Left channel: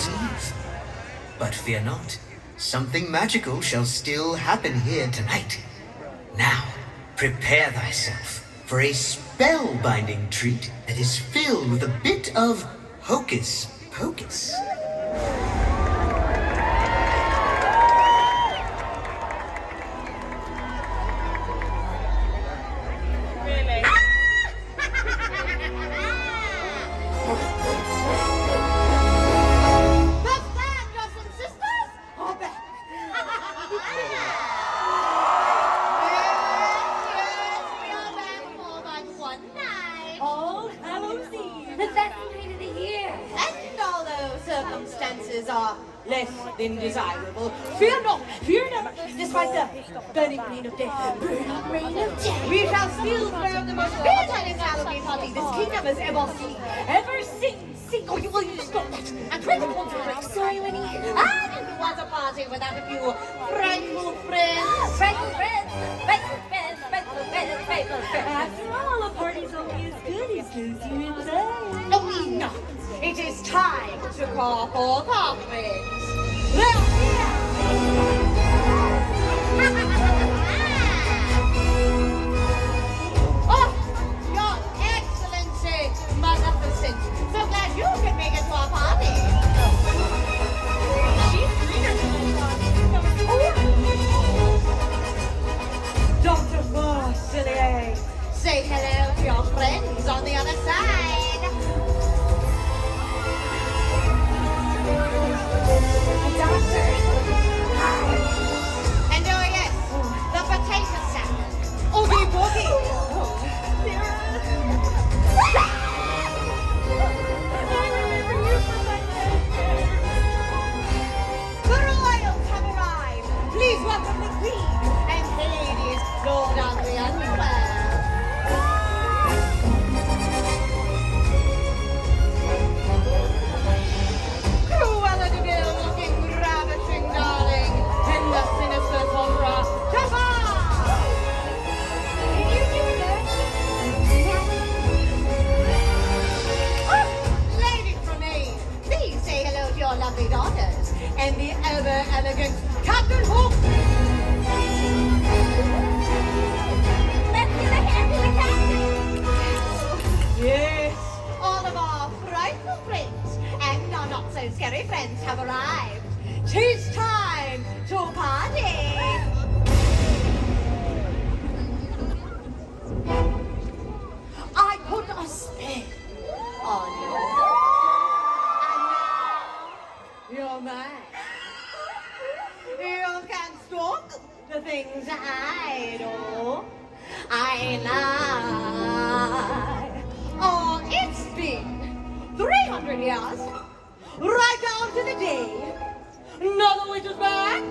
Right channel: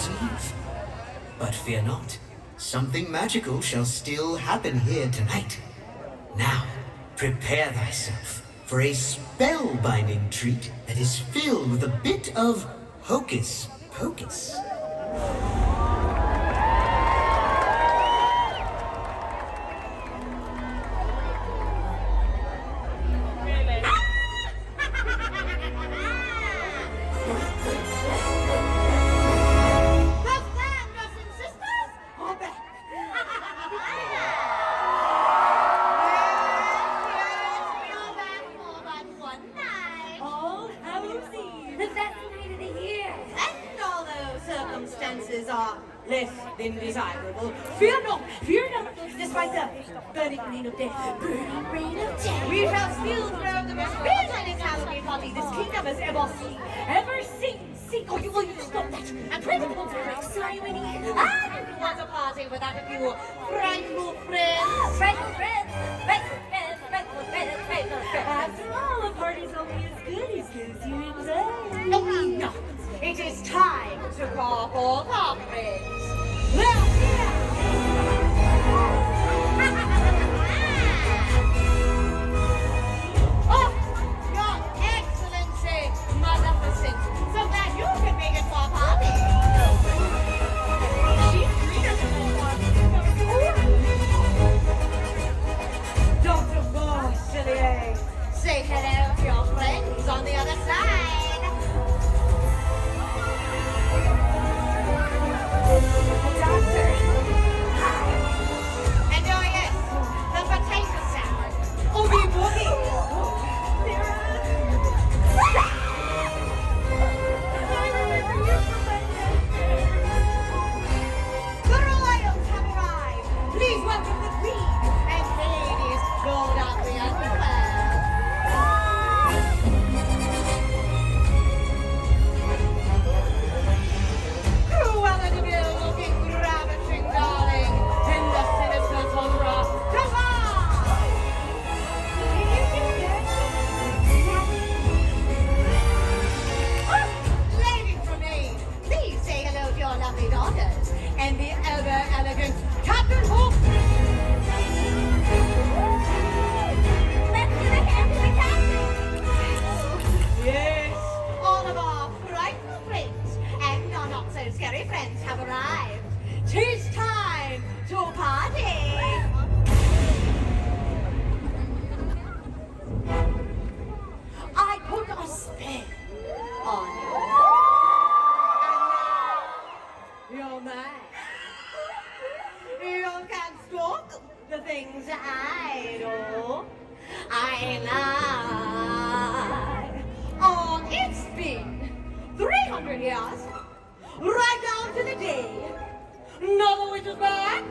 Hallows Eve. But fear not, something magical shall still happen here tonight. Now, prepare thyself for a spellbinding treat that is filled with a bit of hocus pocus. Less than desirable. Fear not, despite the burning rain of death. We shall still throw the most fantastic Halloween party this kingdom has ever seen. Oh, will you stop that? And try to concentrate. Sorry, Winnie. I don't want a party without a few frightful friends. Frightful friends. After all, a party's only as good as those you invite. No, enough. It is time to call for parties. Oh, Your Excellency, magnificent. So glad you can make it to our party. She's greener than Dr. Forcellier, say hello to your friends on the other side. And oh yes, the potato salad. Oogie boogie. The royals have arrived. Please welcome the queen and ladies, Lord of the Underworld. Cruella de Vil looking ravishing, darling, and the sinister Cobra. Jafar! Lady Tremaine, please say hello to your lovely daughters and the ever-elegant Captain Hook. Yes, all of our frightful friends and our not-so-scary friends have arrived. 'Tis time to party! I put a spell on you. And now you're mine. You can stalk the things I do. I lie. Oh, it's been 300 years, right down to the day. Another witch is back,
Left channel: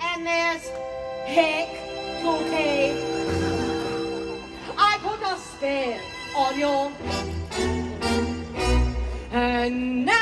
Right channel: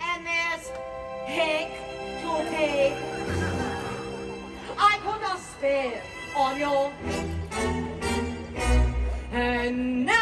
and there's heck to pay. I put a spell on you, and now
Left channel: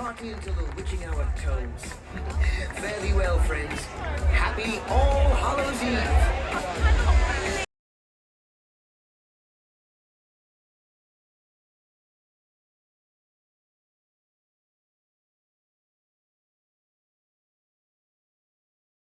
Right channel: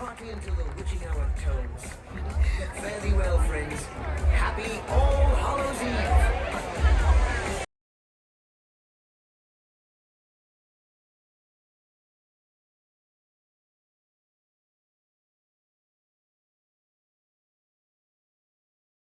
party until the witching hour tolls. Fare thee well, friends. Happy All Hallows Eve.